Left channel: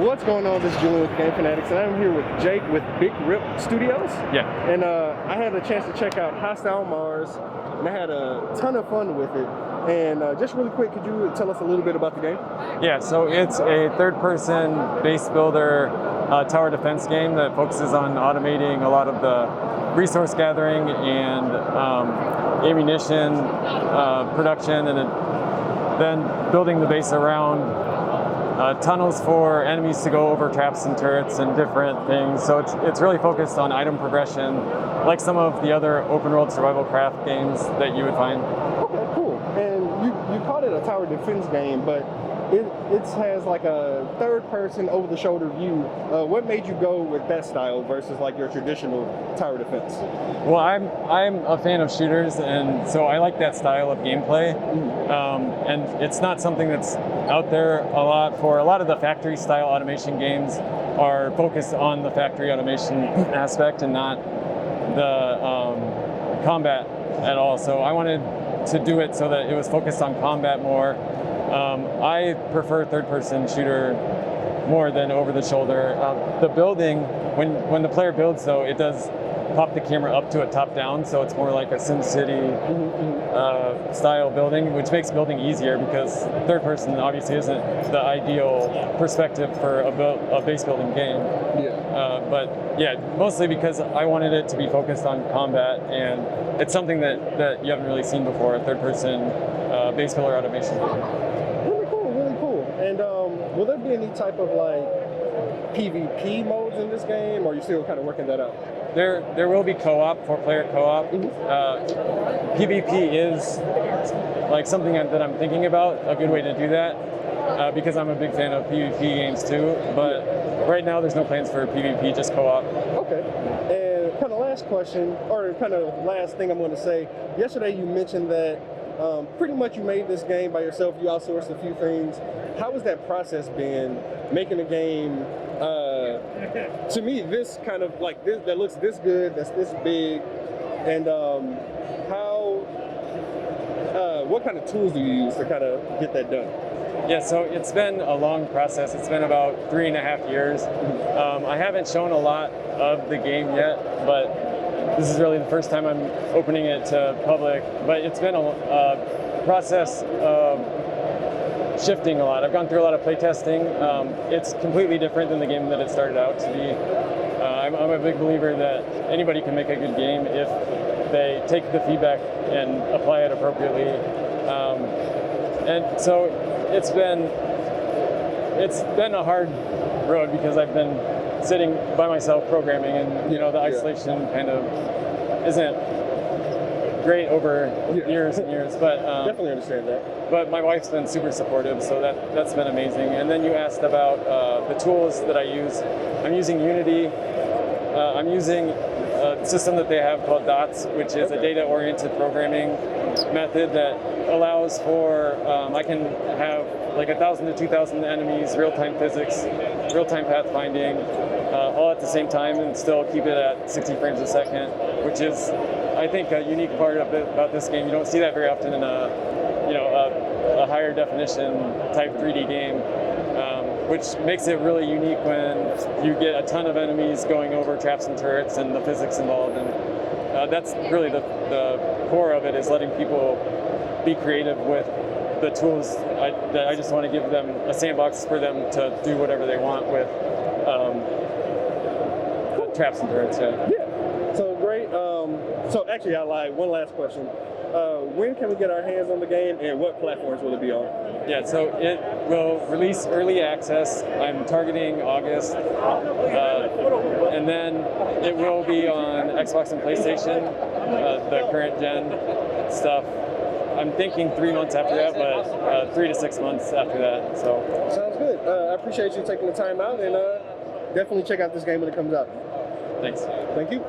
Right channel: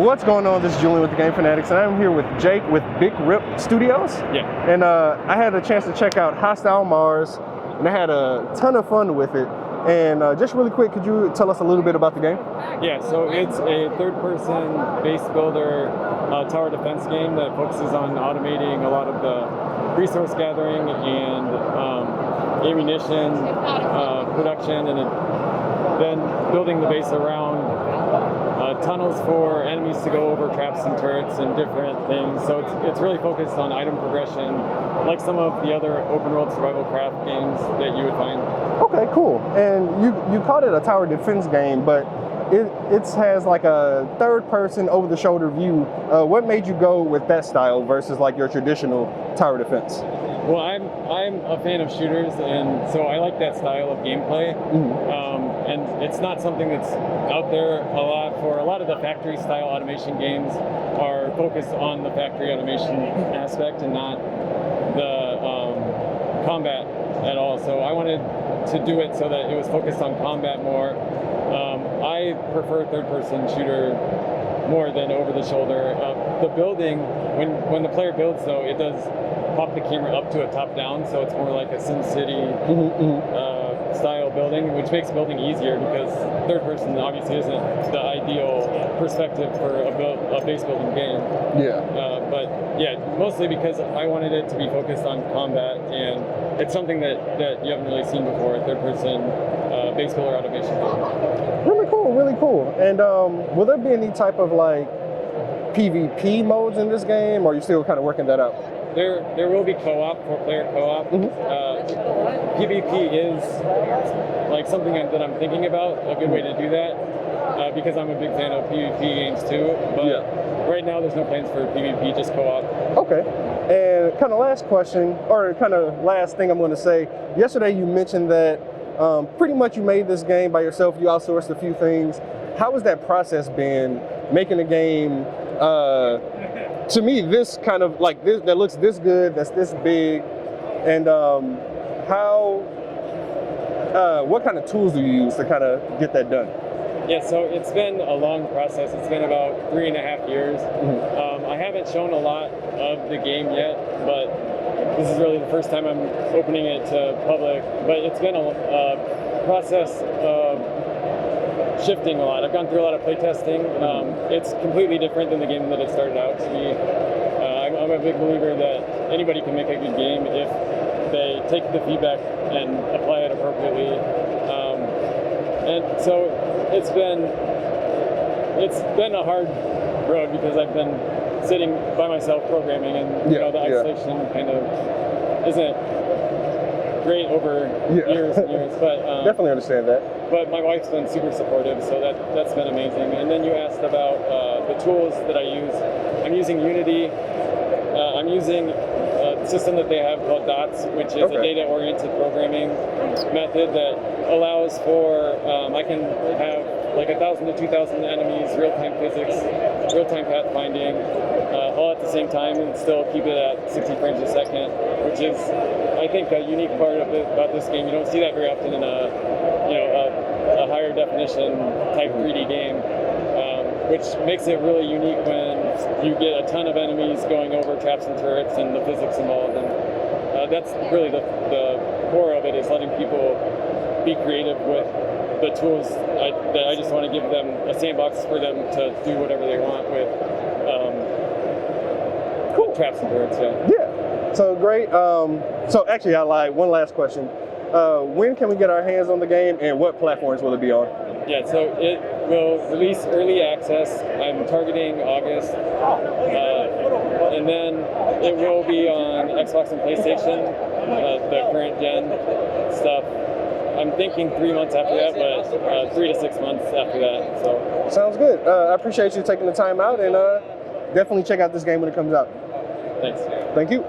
What's going on? This is Julian with the Game Fanatics, and I'm here with Jake with Big Rip Studios. Yeah. And I had a chance to check out Hostile Mars, and I had a ton of fun with it. And just really quick, could you tell us a little bit about the game? Yeah, so it's a third-person base builder tower defense game that focuses on automating a lot of the resource gathering and ammunition production, and then building the base around tunnels for enemies to go over, traps and turrets and different things. So it's really focused on item progression, like some of the other open world survival craft games that you would find. Okay, cool. And you called it a tower defense game, but it has like a third person over the shoulder view. What made you go with that style versus like your traditional tower defense? Well, I'm a fan of shooters, and so I like that style of gameplay. And it's not something that's out there a lot. For a lot of the factory style automation games are focused on the factory automation aspect and not the combat at all. So I wanted to do it so that it was focused on combat more. I prefer third-person shooter more than over-the-shoulder. The building, when the player builds, though, it does pop the camera up to a top-down, so it's more like a SimCity style building, which makes building easier because third-person obviously isn't the ideal perspective for a base-building game. Yeah. But yeah, mostly because I wanted it to be focused on combat, and it's something that you haven't really seen before, a third-person base builder automation game. Really cool. And will there be any type of like PvP modes in this game, or are you still kind of working that out? There will be co-op, 4-player co-op. PvP is like something that I'm thinking about, a good way to do that, because I'm a big fan of PvP games too. But right now there's no plans for PvP, just co-op. Okay. And kind of last question, or kind of last thing I'm going to say. Yesterday you mentioned that pretty much you made this game by yourself, you outsourced a few things. How has that process been, making a game, to me, this kind of like this, that looks this good, that's this big, and what kind of tools do you use to kind of get that done? Yeah, so it's been a long process. It's been about 3.5 years. I haven't shown a lot of the game yet, but this is really the first time I'm opening it to public, but it's been a process of shifting a lot. I've gone through a lot of playtesting. It's completely different than the game that it started out to be. I'm a big believer that anybody can make a good game if they take the feedback and apply it appropriately. And so it's been a hard road because I've been sitting by myself programming, and you know, the isolation kind of isn't great over years and years, but definitely understand that. But my wife's been super supportive, so that's been amazing. And then you asked about the tools that I use. I'm using Unity. I'm using a system that they have called DOTS, which is a data-oriented programming method that allows for I can have like 1,000 to 2,000 enemies, real-time physics, real-time pathfinding, all at the same time, and still keep it at 60 frames a second, which is, I think, a unique part of it about this game. You don't see that very often in a higher definition type 3D game, which makes it really unique when you get a ton of enemies going over traps and turrets and the physics involved. And that's really the core of it, is letting people be creative with the tools. That I just want to give them a sandbox for them to do whatever they want with traps and turrets. Yeah. So great. So actually, I lied. One last question. When can we get our hands on the game, and what platforms will it be on? Yeah, so it will release early access. I'm targeting August, and then it will be on Xbox and PlayStation, the current gen stuff. I'm thinking 3 months after that, but 3 to 6 months after that. So sounds good. I appreciate you taking the time out, and definitely check out this game when it comes out. Thanks. Thank you.